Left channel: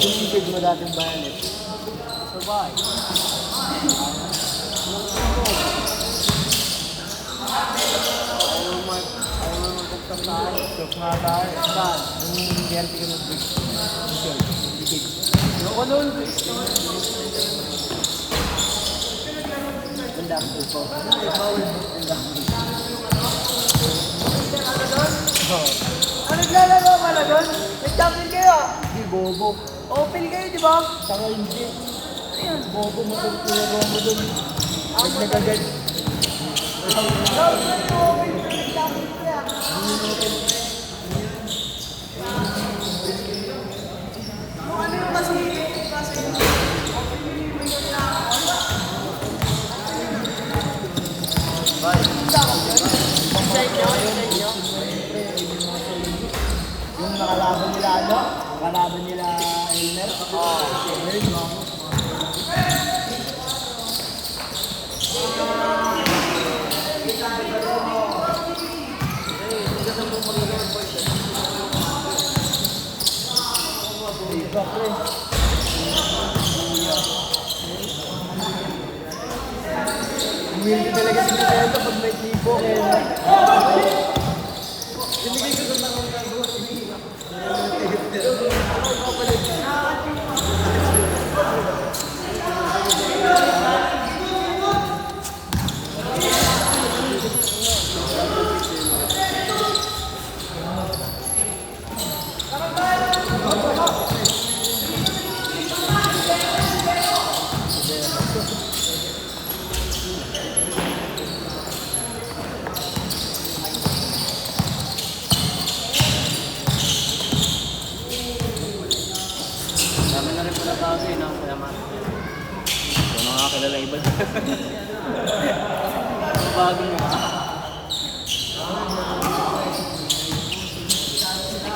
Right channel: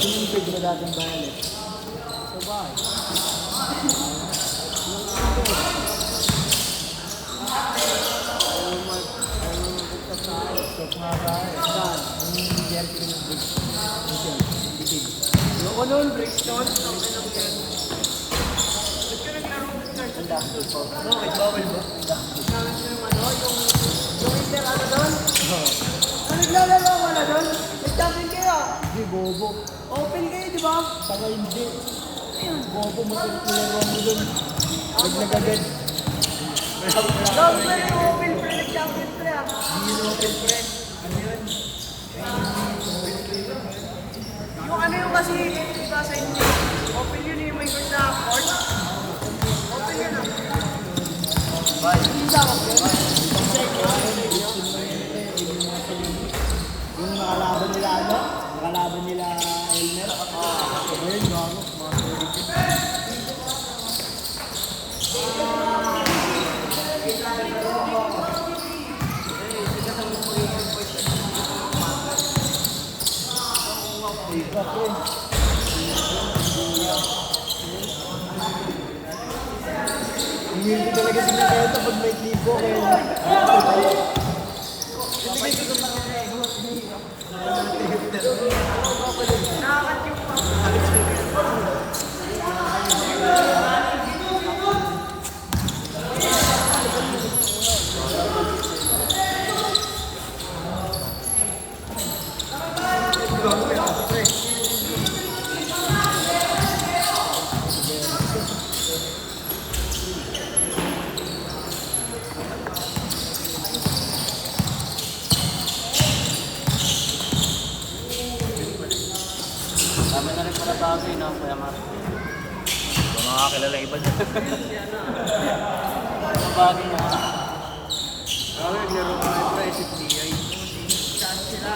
Tumipid mo dating violet. So bye. Ayaw mo magpagsasahan. So nga ba? Saan? Yung gerte ko ng big. Big. Yung ko nun, big stone. Ang dami ko. Ano naglalaro ka na doon? Nag-champion kayo ah? Hindi, bobo. Open kayo, di ba? Saka hindi. Ayun, bobo mo doon. Pinagawa mo doon. Huwag nagagad. Ano yung kasi nasa inyo? Open yun yung may na open yun ah. Yung nakalaban nila ano? Nakalaban nila Elmer? Hindi talaga sila kayo kapag may tipo.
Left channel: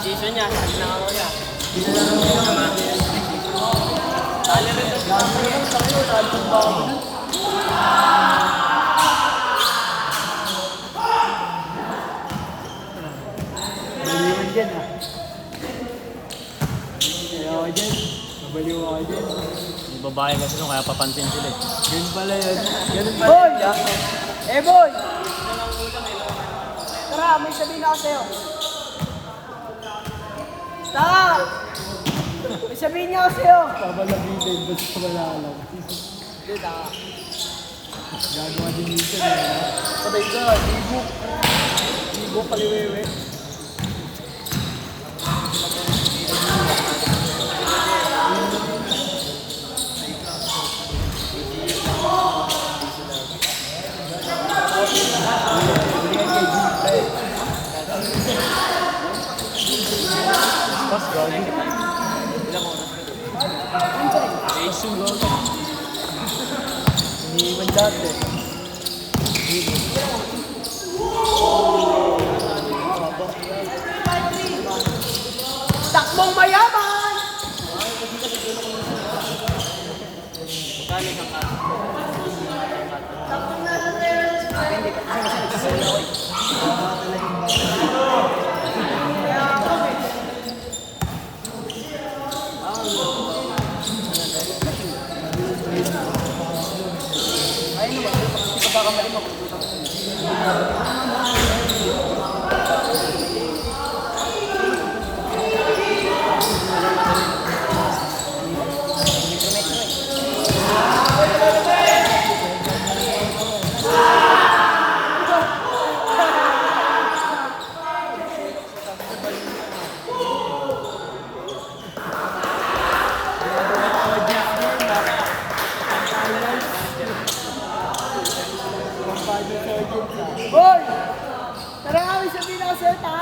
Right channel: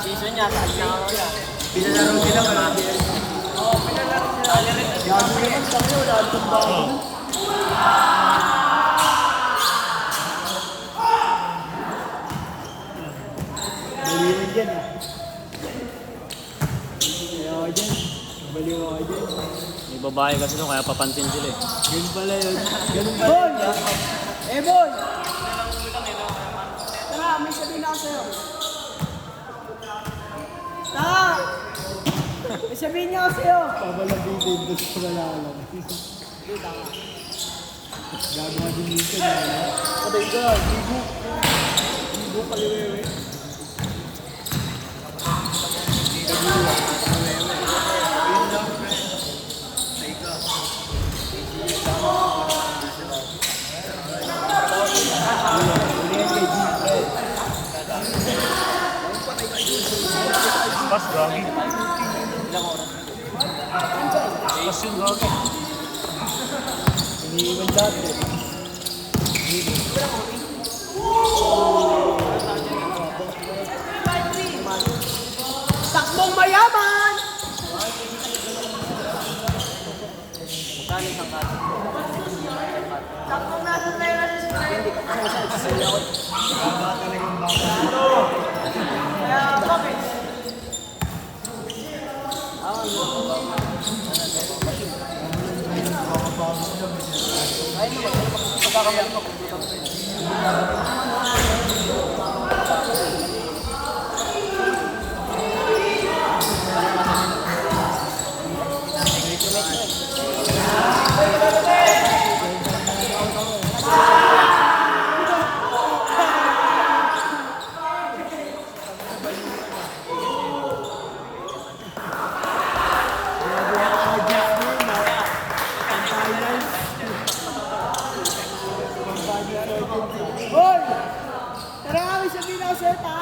Season niya, pinalaro niya lang marami. Baliwan dyan ah. Baliwan dyan. Baliwan dyan. Yung babae kasi no, kaya papansin sila eh. Ganun pala yun. Ganun pala yun. Boy! Eh boy! Tara, may sabihin ako sa'yo. Tara! May sabihin niya ako sa'yo. Pabalabitin, ba't sila lang? Hindi, tara. Gagawa din dito. Patay ko nga, Bibo. Bibo kaliwewe. Iniiwan dati. Takbong mayaman! Magkano isang kaso? Takbong nasa pera sa hindi Boy! Tara nga, may sabihin ako sa'yo, ta!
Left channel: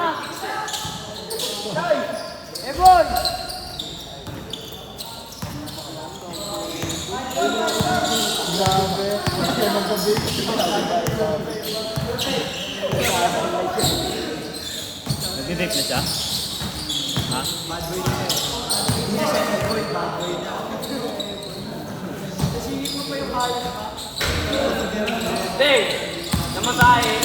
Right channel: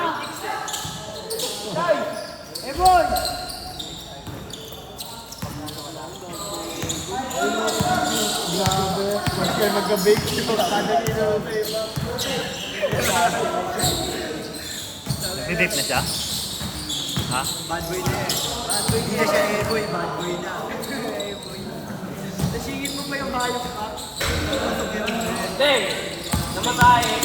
Eh, boy! Grabe, kasi nag-bake ito. Didip na siya? Ha? Bad boy na eh. Hindi na siya boy na. Nasingit mo pa yung bahay ka? Hindi! Namasahe!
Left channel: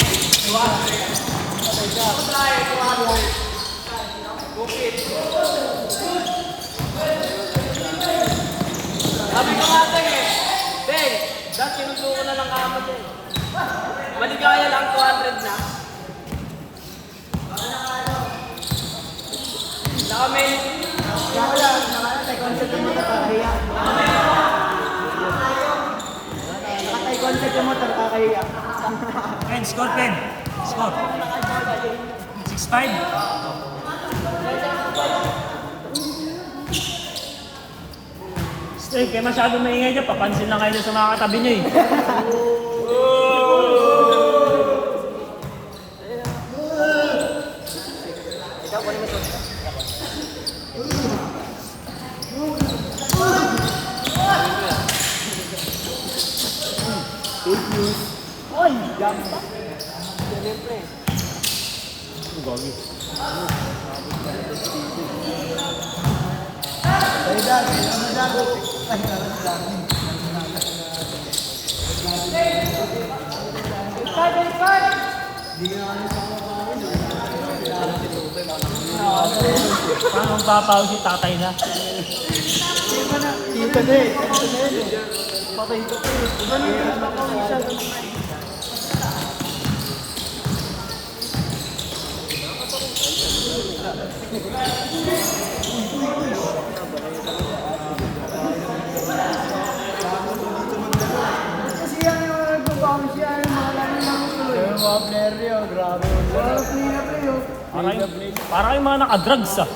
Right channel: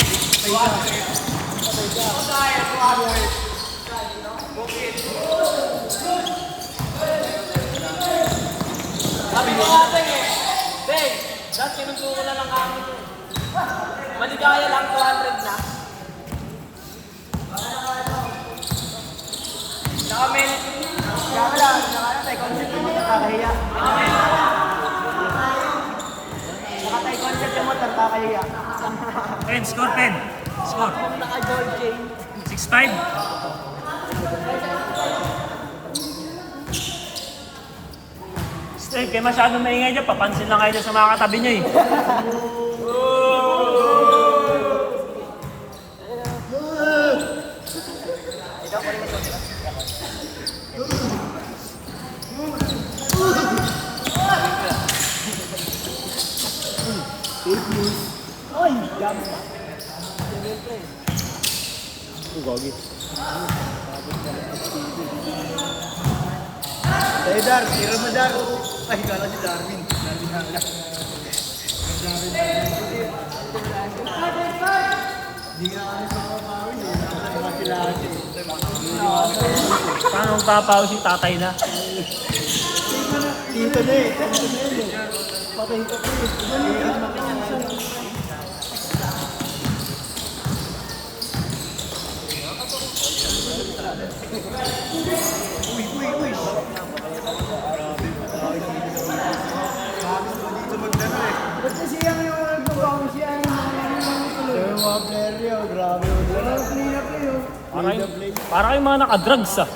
Sabi ko natin eh! Hindi! Dahil sinusuko na lang ako eh. Maligaya lang 200 na. Pen, score, Pen. Score. 6-5. Steve, kayo masyadong maingay dyan. Papansin na kayo na sumakatabi niyo eh. Fake news. Ay, yan. Ay, Dan, meron mo dyan. Ay, kala si Darwin. Hindi ka naman sa mga pangin. Anong papaw si tatay na? Tita na eh. Patay ka pa eh. Uy. Kasi yan yung nagbabago siya. Yung mga player yun, grabe. Play na play yun. Para kayong mga naka-drugs ah.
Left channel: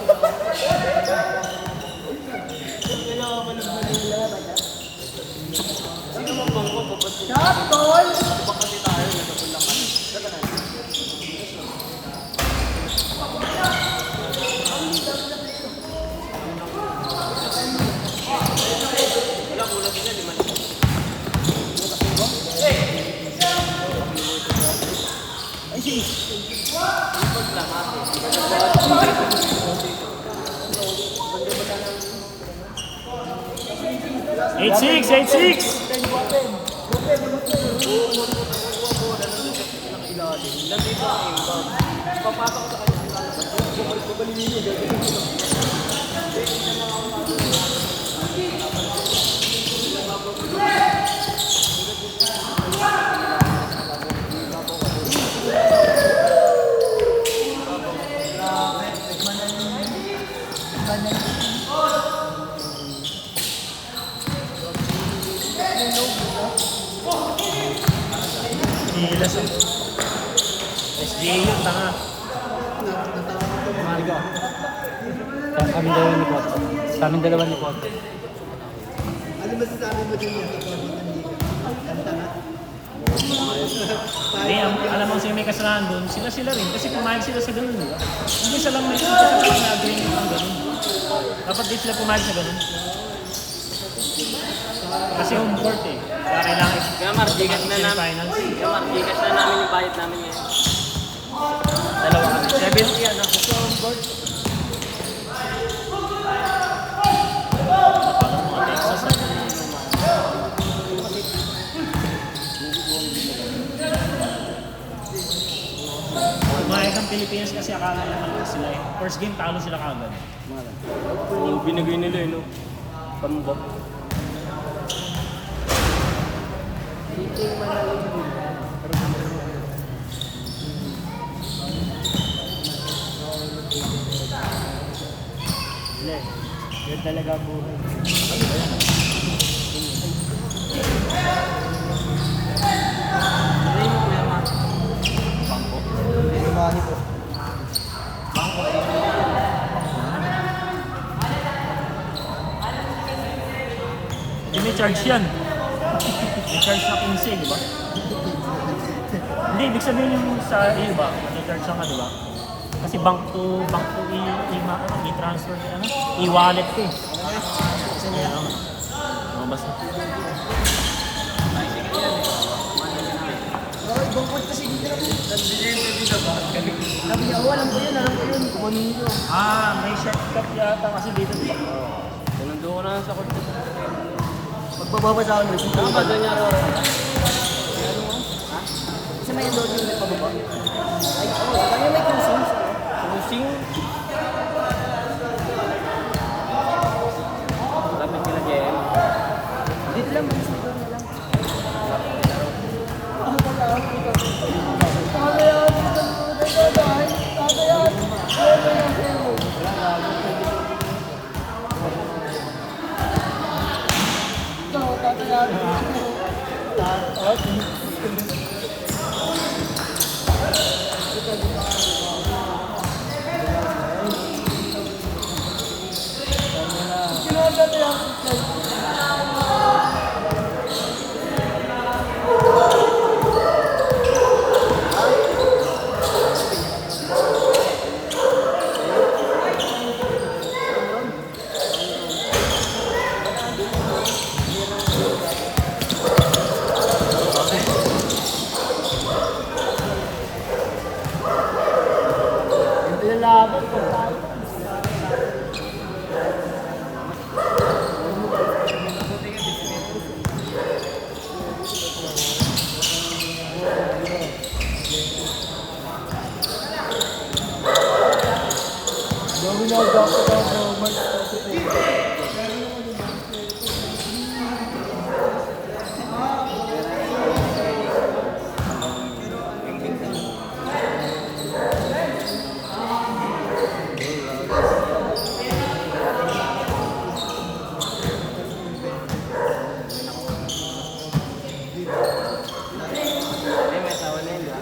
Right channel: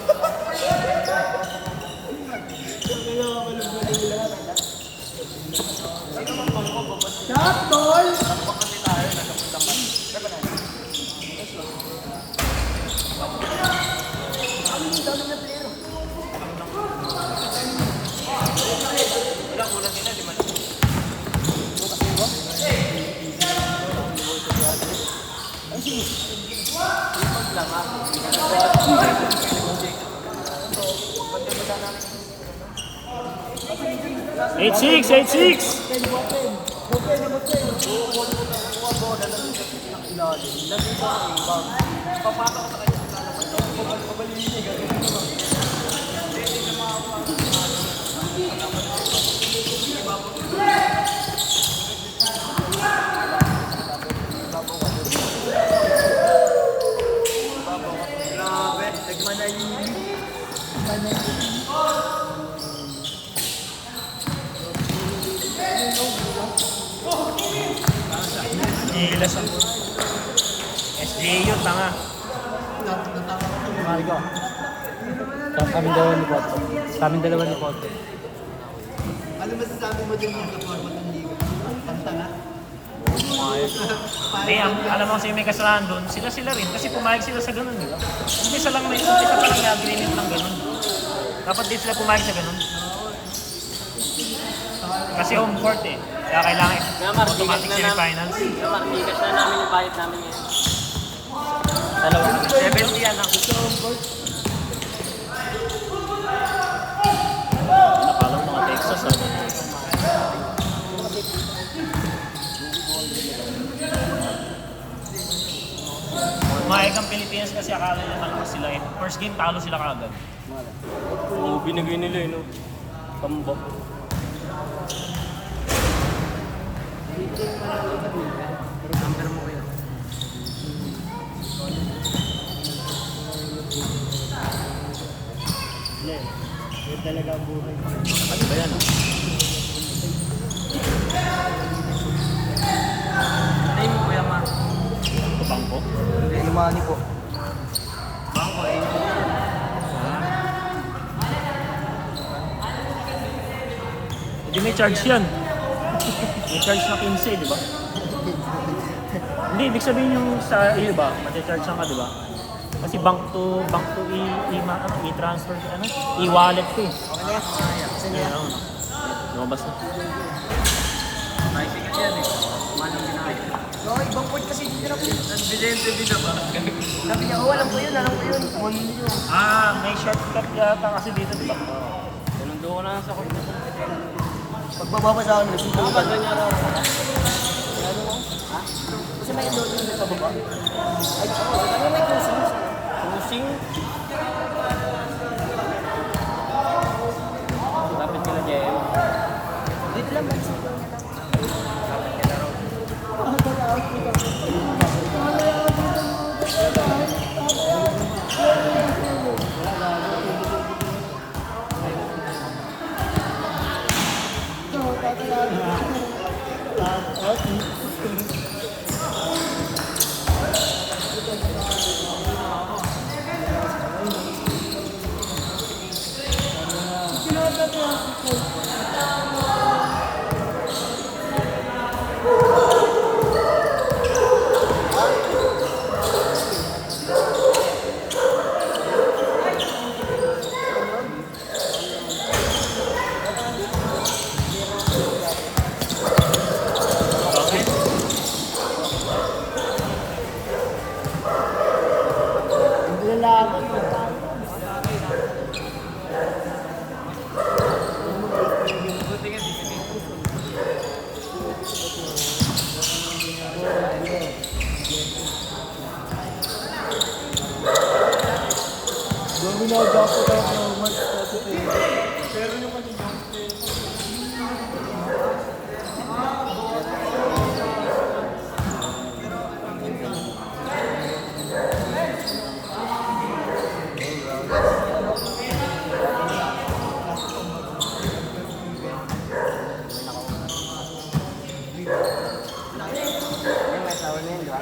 Shot, tol! Eight six. Marigo. Kaming dalawa ni Poto. Ano masasabi mo dyan sa format ng liga? Kanta na? Hindi, alam mo kasi may kasalanan doon. Sila rin. Kasi pumayag sila sa ganun. Hindi sa lang may dapat di sila pumayag sa ganun. Kasi home court eh. Kaya kailangan Kaya marbigas na namin. Marbigas na namin yung bayad namin eh. 70 ano. Pumayag ang Pilipinas kasi akala naman sila eh. First game, talo sila kagad. Yung binigay nila yun. Kambak. Number mo kayo. Hindi. Yun talaga ang buhay. Ano yung Kuya Mark? Hindi, yung mga ano ko. Hindi may charge yan. May charge na 15, di ba? Hindi, ibig sabihin yung sa iyo ba? May charge naman, di ba? Kasi bank to i-transfer, i-wallet ko eh. Lumabas na. Bicycle yan eh. Manong ginaya. No, ibang point kasi dito lang yun. Nagbilente din na ba? Walang yun ah. May short kasi dito. Mundo. Bababa sa amin. Dito yung Ganda niya ako. kasi may logo na sa baba. Ay, ano na cruising? Cruising. Dapat pinag-e. Dito lang. May asawa na yun, di ba?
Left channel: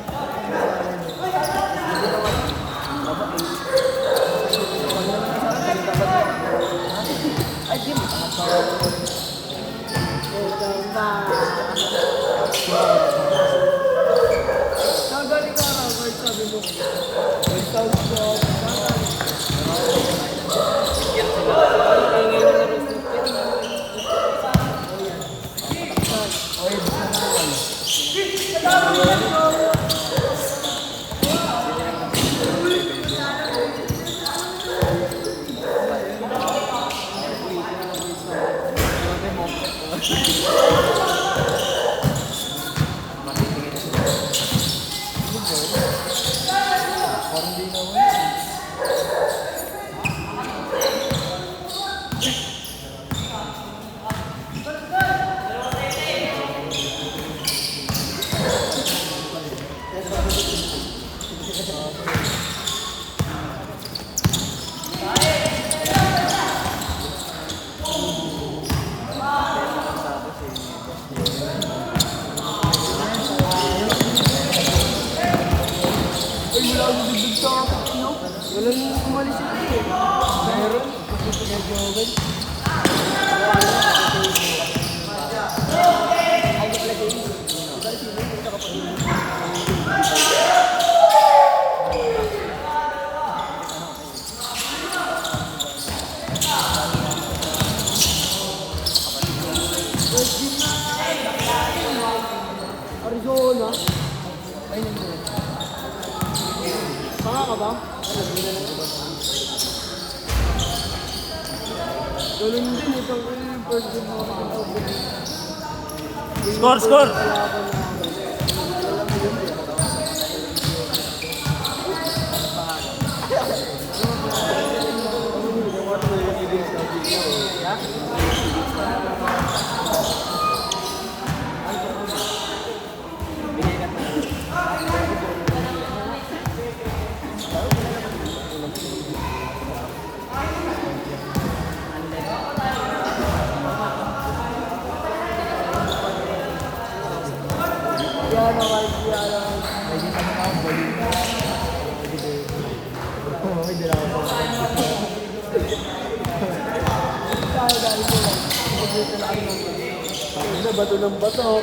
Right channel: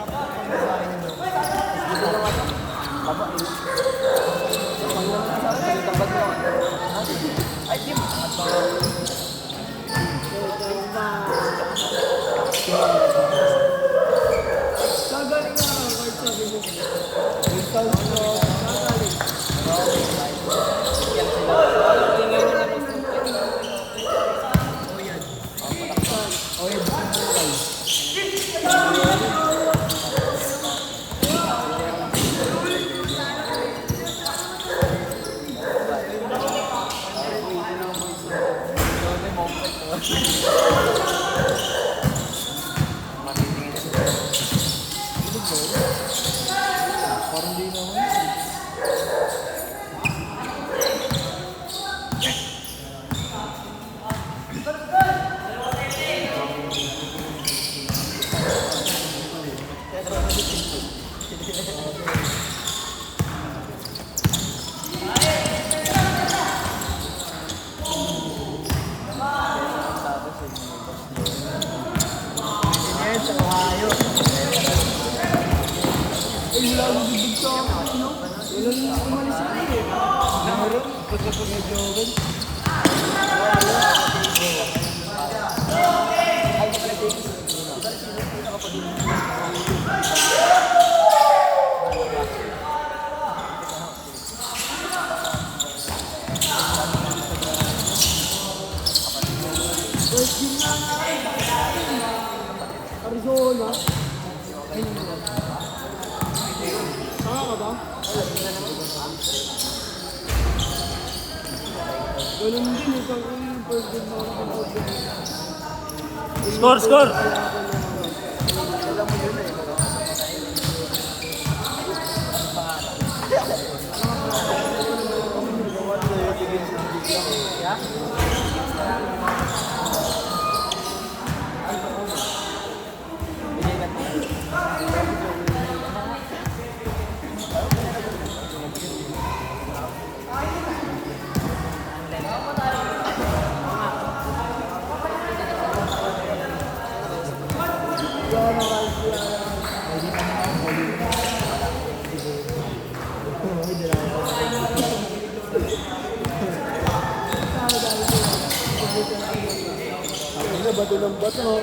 Arizona. Ayun yun. Saka ka ba? Galing din ito. First game mo ako. Score, score! Bato ng bato.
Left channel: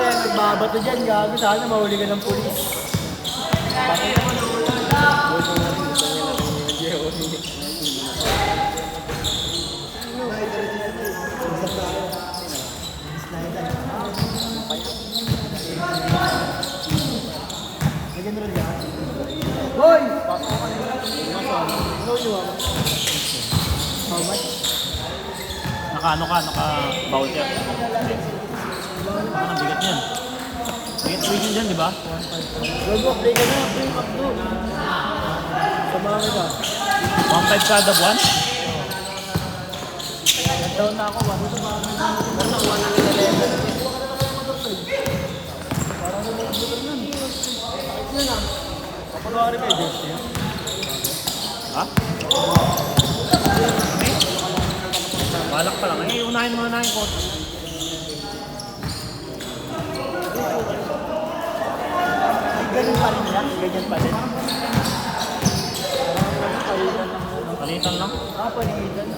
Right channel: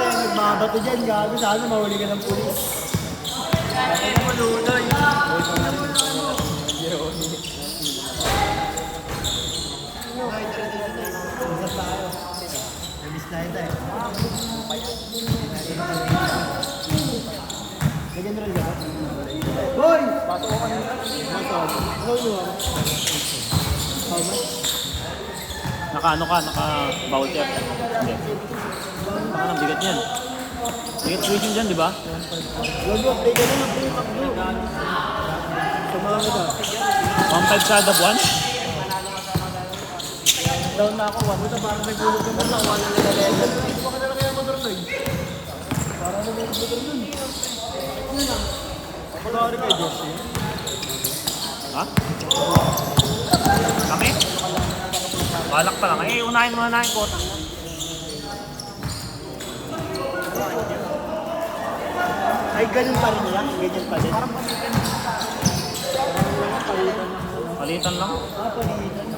Magbabato dyan, gabi sa akin, mahuli ka ng pulis. Hoy! Naka-ano ka, naka-bowl check. Ang bigat yan. Bigat weighting dyan, di ba? Huwag mo, play ka na. Samahan ka. 1.5 kada buwan? Down na ako. Basta parang may bulot yung mga Ha? Anak ka lang. Unahin mo. ay ganun pa rin lang. Ganyan pa rin. Palitan lang. Palitan.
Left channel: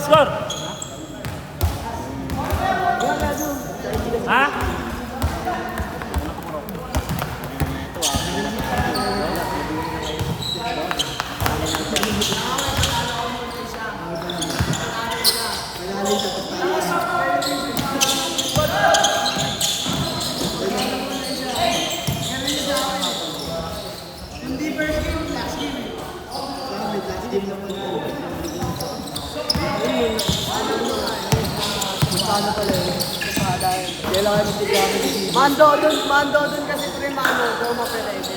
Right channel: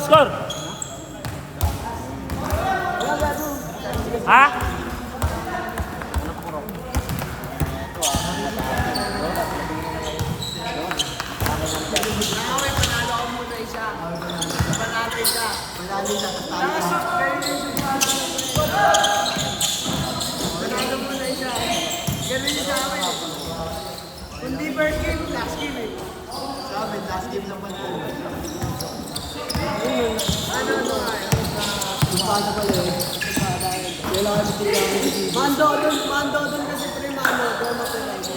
Score! Ha? Hindi first game, last game eh. Sabi, last game naman po. Ano nga eh. Paano talaga? Kailangan mo tigami dito. Mando doon kasi Trimano, Goma Perez.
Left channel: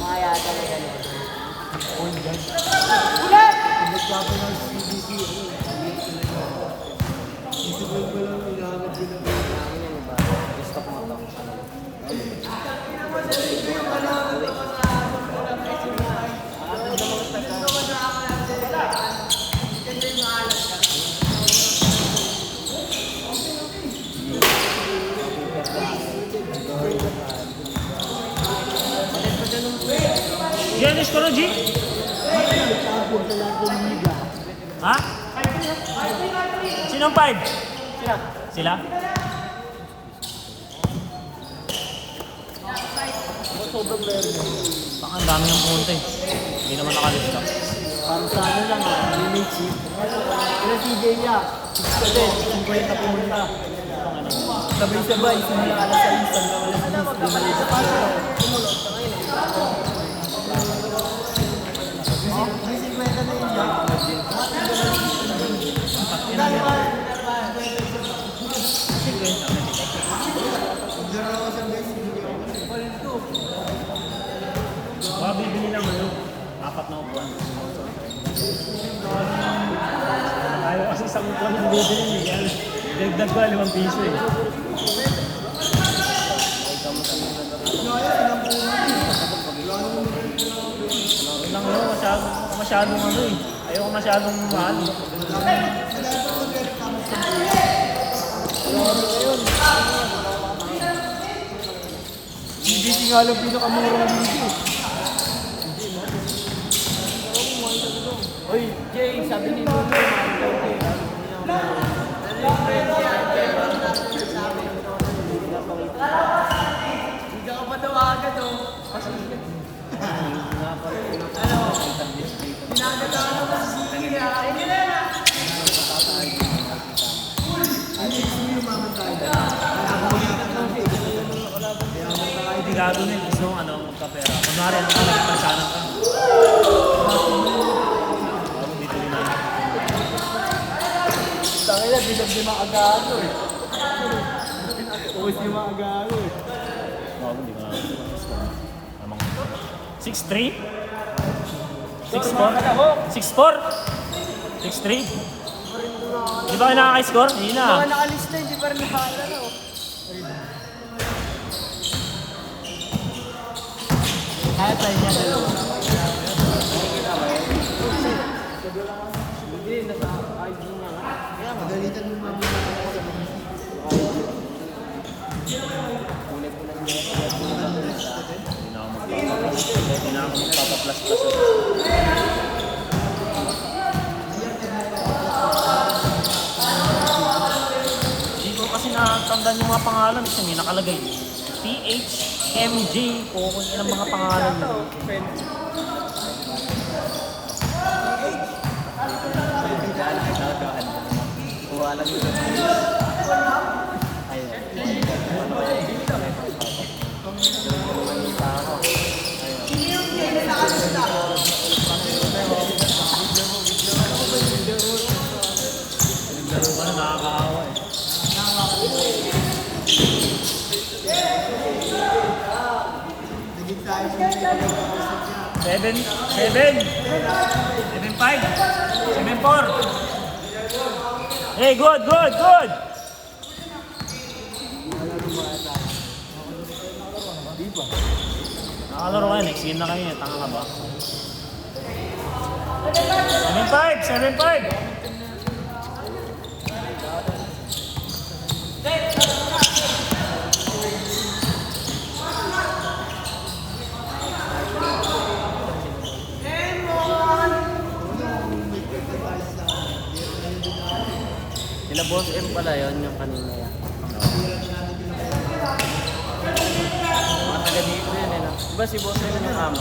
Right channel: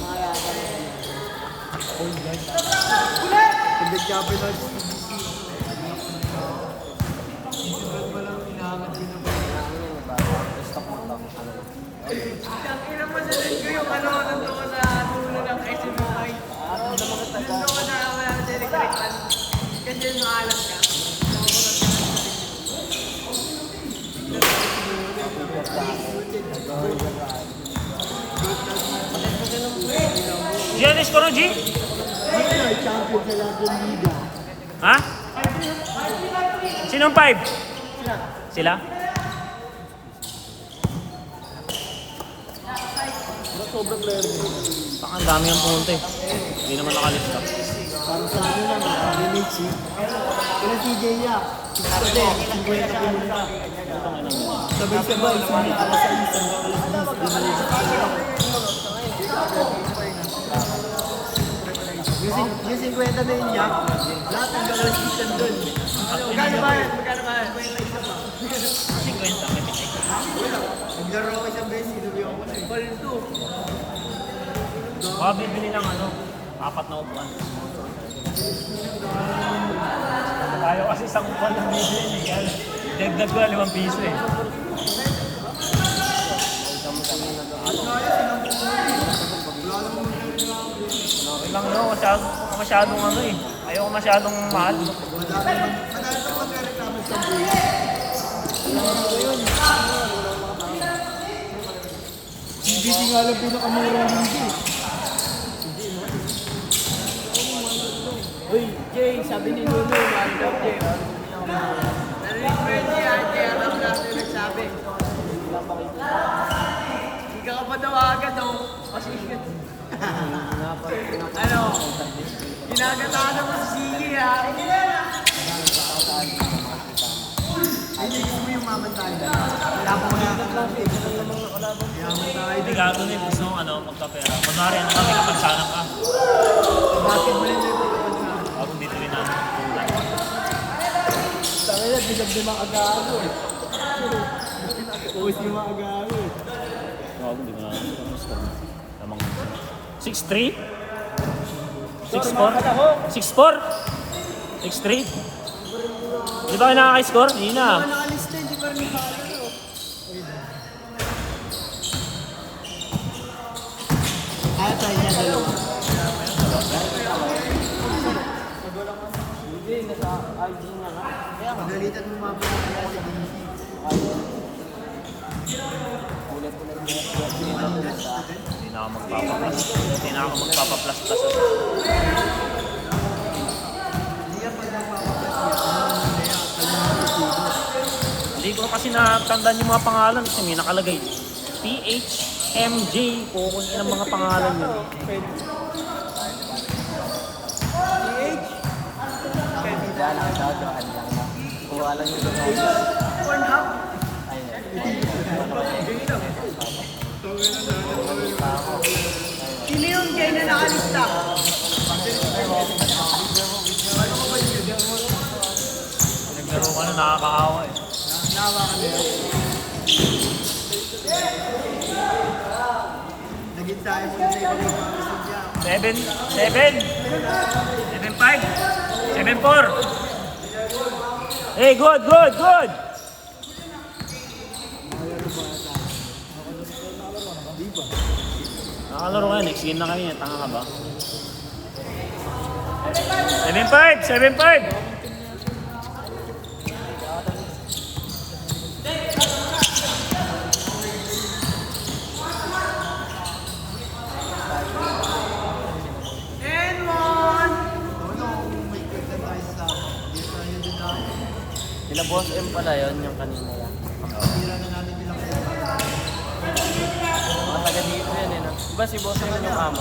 Maya talaga. Ulit! Hindi Japanese PDP. Isipin ko lang inaangat yun na ba? Stop mo lang. Ina mo sa ko yung ano ko sa ano ng kasi may. Ano ko na ako ng direct. Kasi maalas ka. Yan is Koro, G? Ha? Sinong 5? Sila? Ang dami yung pumunta eh. Hindi naman nakalat. Para sa ano lang, DMH. Yung TJ niya, 6 pa din, 50 na pumunta. Sabay-sabay, simula alas 6 hanggang alas 10, DMH. Yung 50 na yun niya, lahat ng mga season doon. Maglaro ako siyang base, hindi ako na eh. Baka bibili lang ano, 4 na upuan. Ayaw kasi isang upuan ng bibili niya. Dagdag ba 5 piso eh. Masyadong ano eh. Ayaw masyadong mahal. Hindi nga lang pinakamura dito. Uy, Jay, sabi ni Lolo, hindi ka pa daw agad daw. Kasi ano, ginagataan ako sa sige ha. Hindi mo yung mamantay. Kaya po niya ka ng tigas sa tanong. Kaya mo tayo. Hindi gago na yung gusto ano, magkapera. Kunwari ano ka, magkasalang ka. Tangina, bilag din ang agano eh. Uwis yung mga agano eh. 6'3"? 6'4"? 6'4"? 6'3"? Di ba kayo nakaka-score? Hindi na. Mga nakalista, hindi pa rin nakakano. Kaya tayo niya dalawa. Hindi, nasa IG na. Kaya magalitan mo mga mga Hindi ko kasi natandaan yung mga pangalan. Kasi may nakalagay. PHMJ. Kung ng mga pangalan nyo. hawakan nila. Naging tayo kung may pag-iisip niya. 7-5. 7-4. Hey, good. Di ba? Nakalaro ka, next game na kanina. Tanga ka ba? 7-5. Sila boss M pala yan yung kanina. Nakaganito yan eh. Diba si boss M yung mama?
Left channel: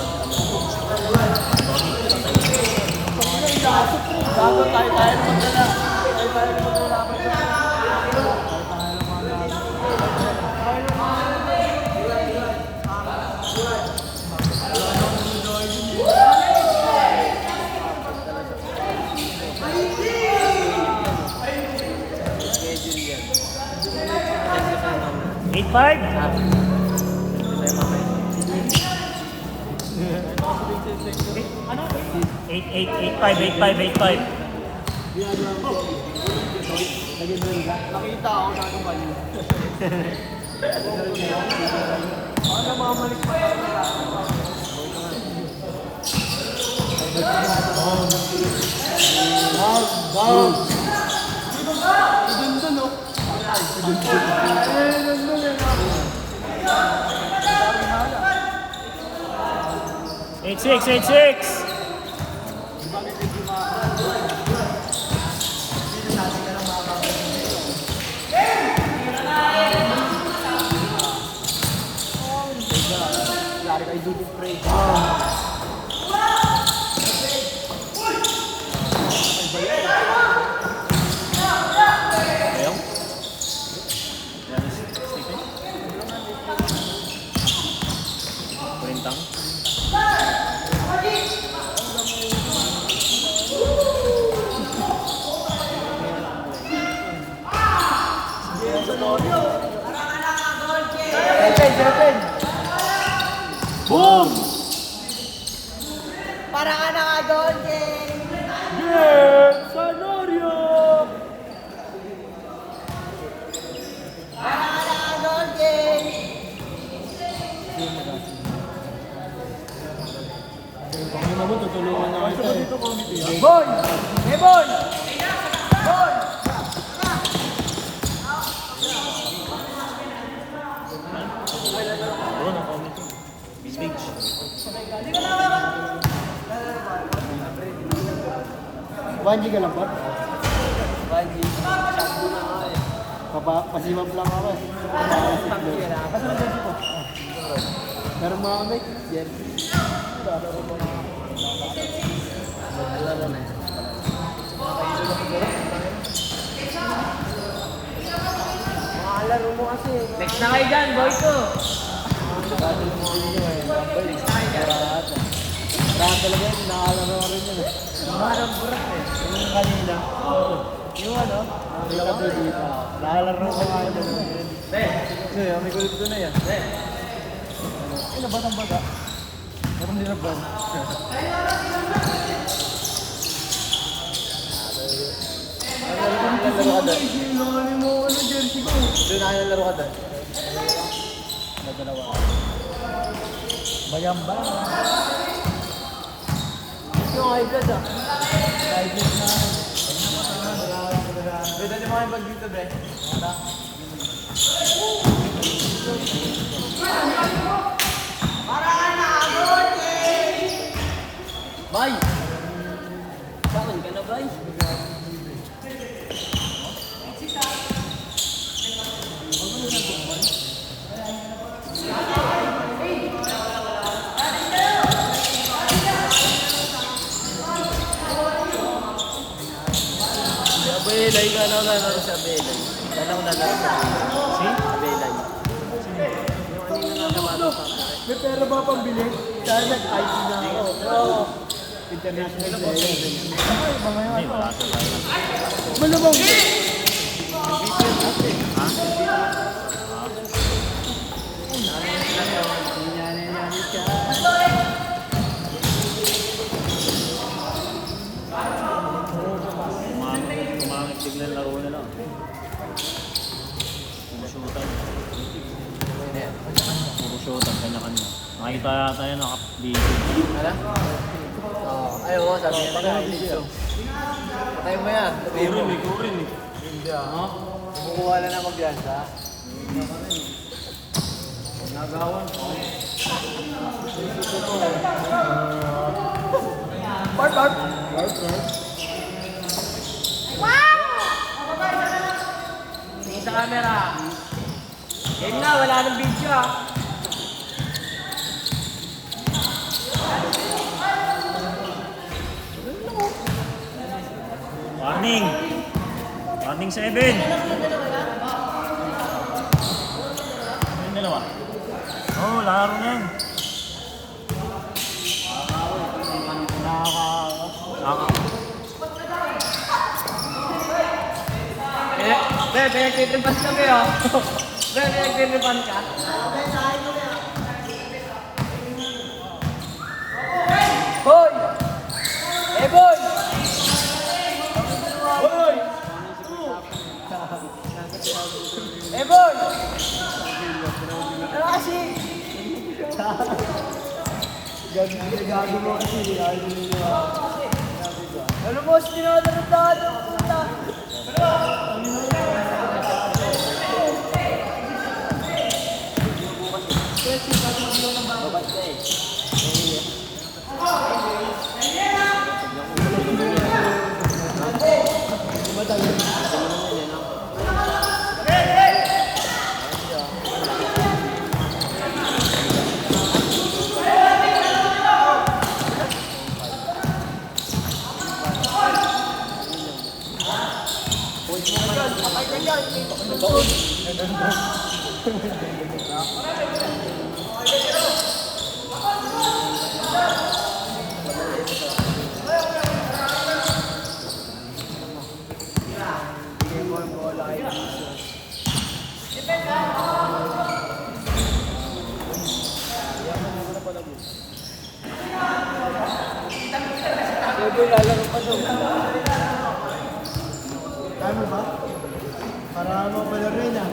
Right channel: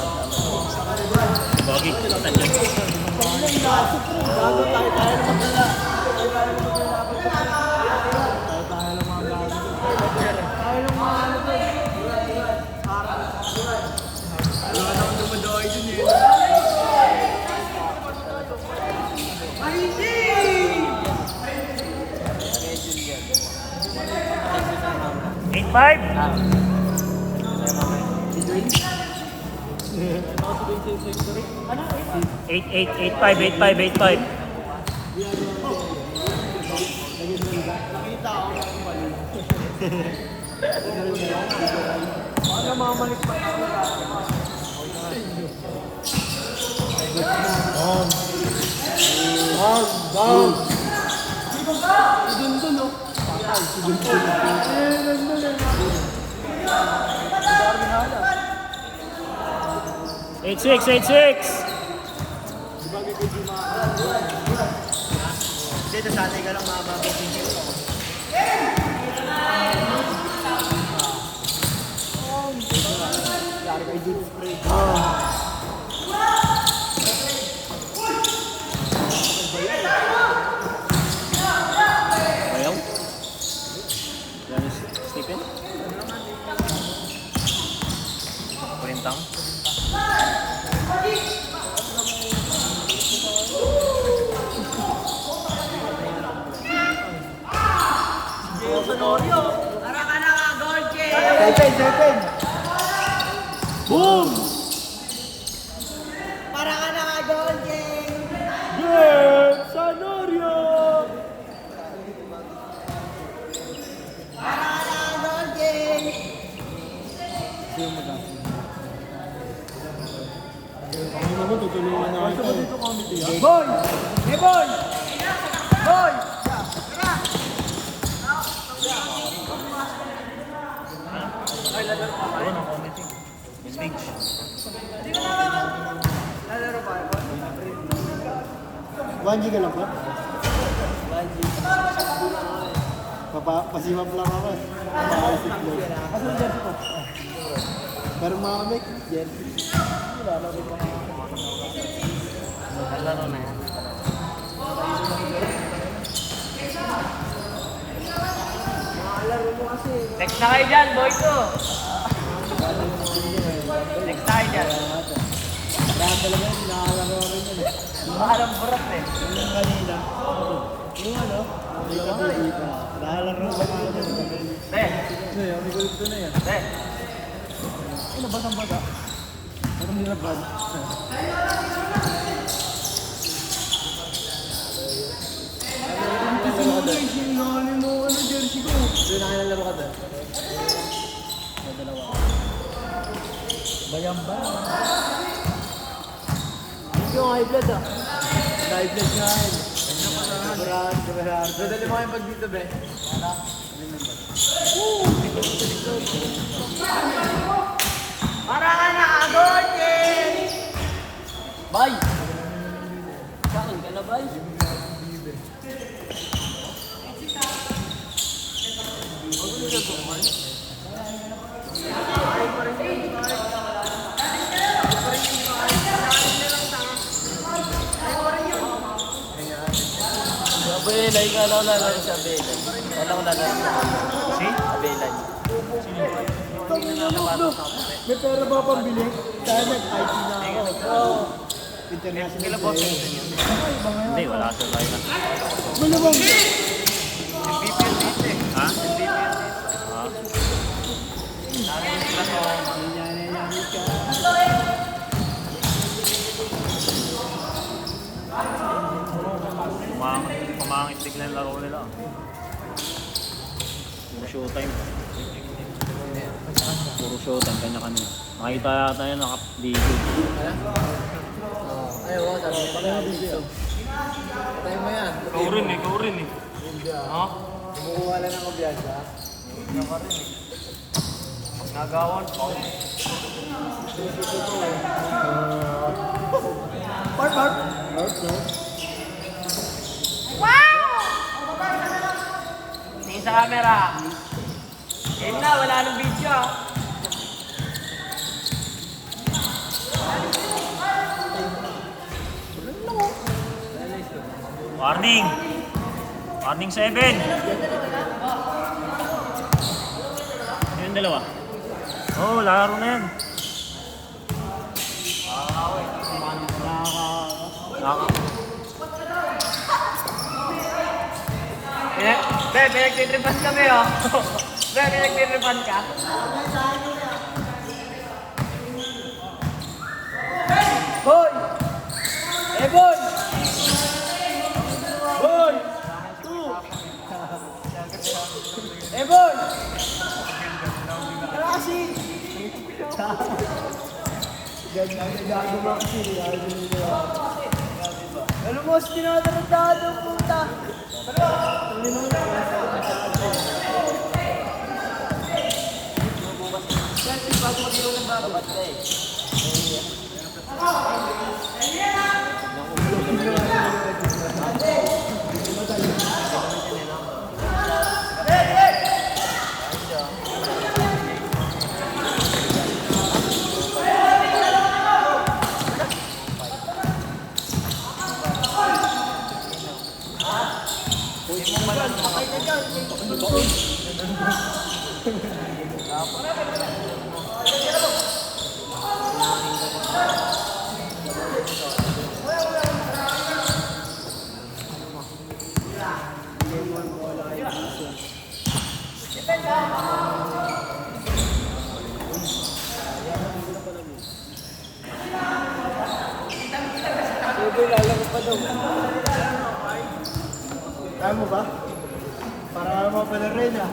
Bago tayo magdala. Eight five. Nakita ako na yung mali. Ano mamalik pa? Down. Idin dun, oh. Idin dun, eh. 8-6. Dito sa atin ka lang makakapagod. Lari kay Dude Spray. Seven. Boom! Para ka naka-goal game. Yes! Sanorio! Para ka naka-goal game. Boy! Hey boy! Boy! Banji ka lang po? Banji. Pasimap lang ako. Pero mga make, yes. Laro mo kasi. Next na kayo dyan, boy ko. Next na kayo dyan. Kaya talaga yun, nakakalaro rin yun. Yung kanina. Yung ano? Hindi ka po dito. Nakakalaro ko nga ito. Ngayon, may kulit ko na yan. Ano ba ng baga? Meron din nag-run. Nalaro ka doon. Doon na kayo nalaro ka doon. Bayamba. Yung iPad ah. iPad na. Pwede naman yung pag dito be. Bay! Saan ka na, bay? Belay ka lang naman sa belay. Walang naman. Belay. May pera ba pambili? Dahil nag-IT na ako. International player. Hindi, wala. Malabang! Ha? kaya tayo naka-video. Wala? Oo. Ay, oo, sabi niya nila. Video. Patay mo yan. Patay mo. Kurin eh. Hindi ah. Kumukuha na ng magbiasa. Nagawon ko. Part. Tingin sa camera. Yan na, wala nang video ah. Warning! Warning 7! Ayan dalawa. Oo, laro na yan. Lako. Pinagtitibas kami oh. Pinagtitibas ka. Boy! Eh, boy! Boy! Eh, boy! Ano kasi? Gago mo kasi. Ano mo, sinadamit na ano? Tama ba? Para mapala rin ah.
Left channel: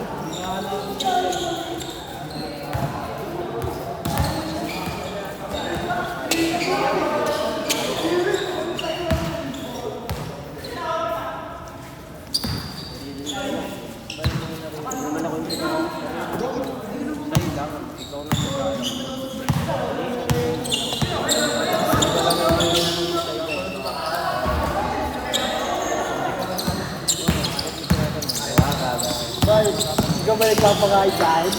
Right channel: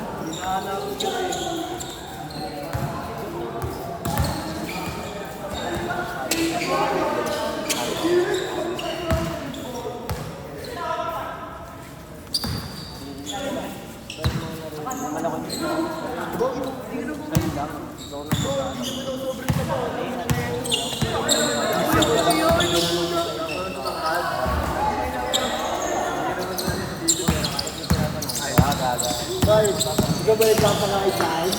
Ikaw ba nagpapakain sa akin?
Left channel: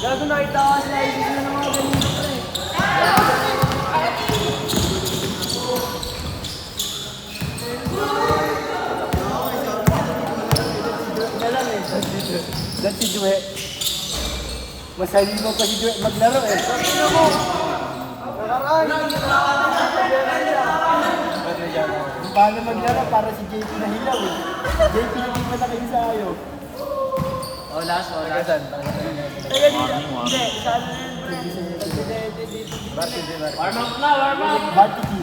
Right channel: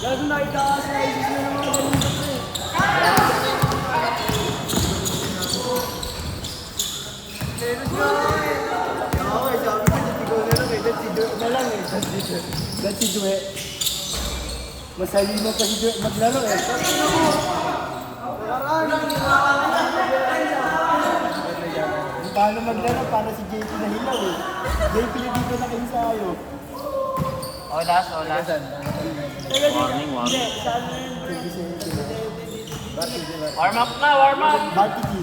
Lalo na itaas na ibig yung mga ganito eh. That's si Jue. Masali mo pa si Jue maglaro eh. Paano maglaro para si JP na hilaw eh. JP hindi pa nakin sa ayo. Olas. Saan? Hindi, saan Warm up na, warm up. Batiki.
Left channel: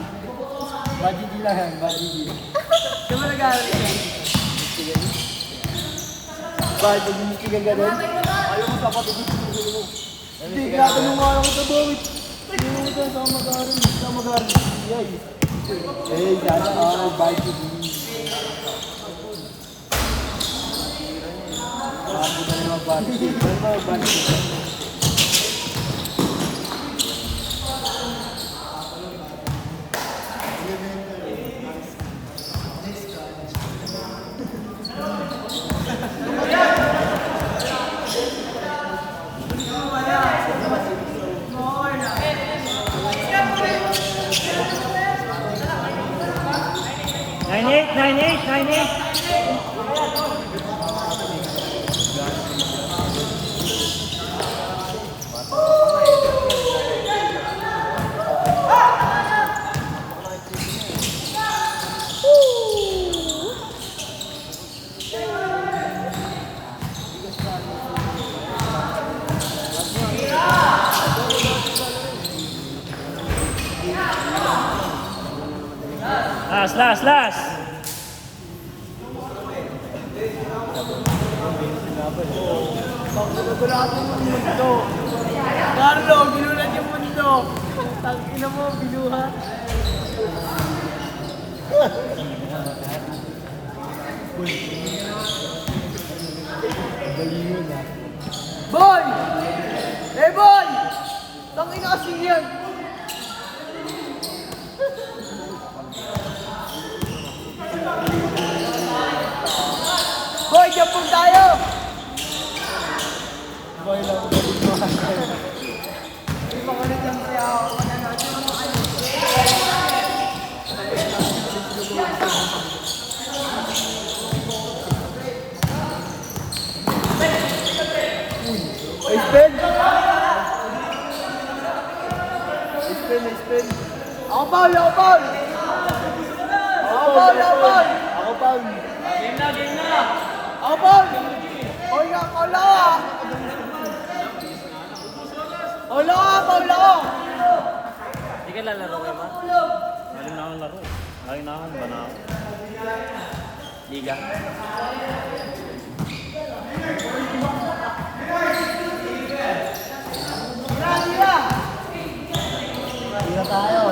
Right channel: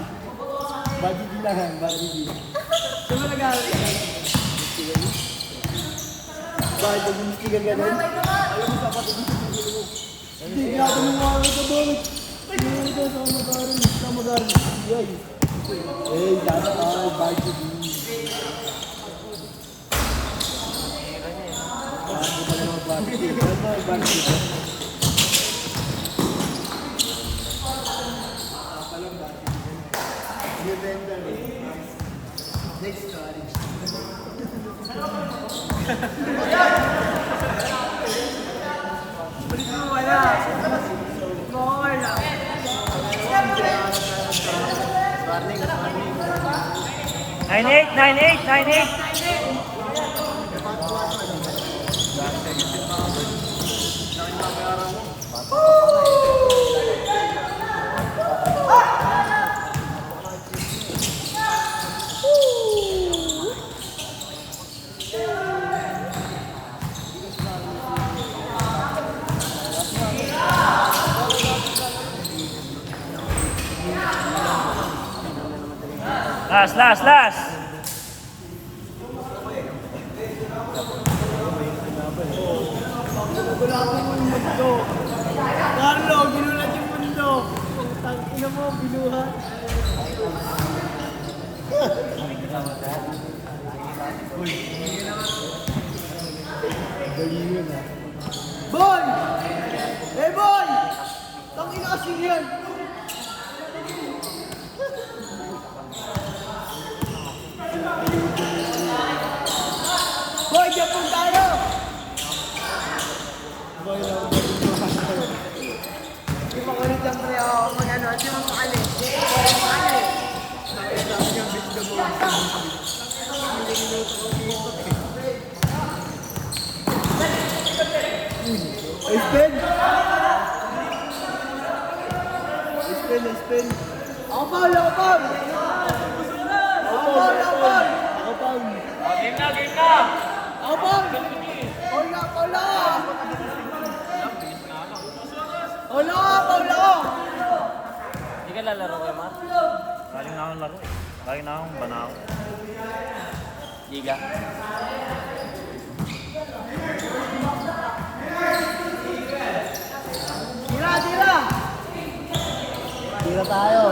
Batiki lang, Batiki. Sino nag-aaral? Bakit nag-iisip ka gano'n? Ayaw mo kapatid mo. Hindi, grabe mo mga ito, Domit. Hindi ko sa mag-aaral. Eh, sana Batiki. Grabe na mga Batiki. Batiki. Last. Nagulakan yung mundo. Carlo, ginulat yung mundo. Tangina mo, binuha. Boy! Eh boy! Tangina kasi yan. Boy, Japon tayo! Boy, spin! Spin! Ako Paul! Ako Paul! Ako Paul! Ako Paul! Paul ah! Hindi ka lalaro kayo mo? Liga. Tira tayo!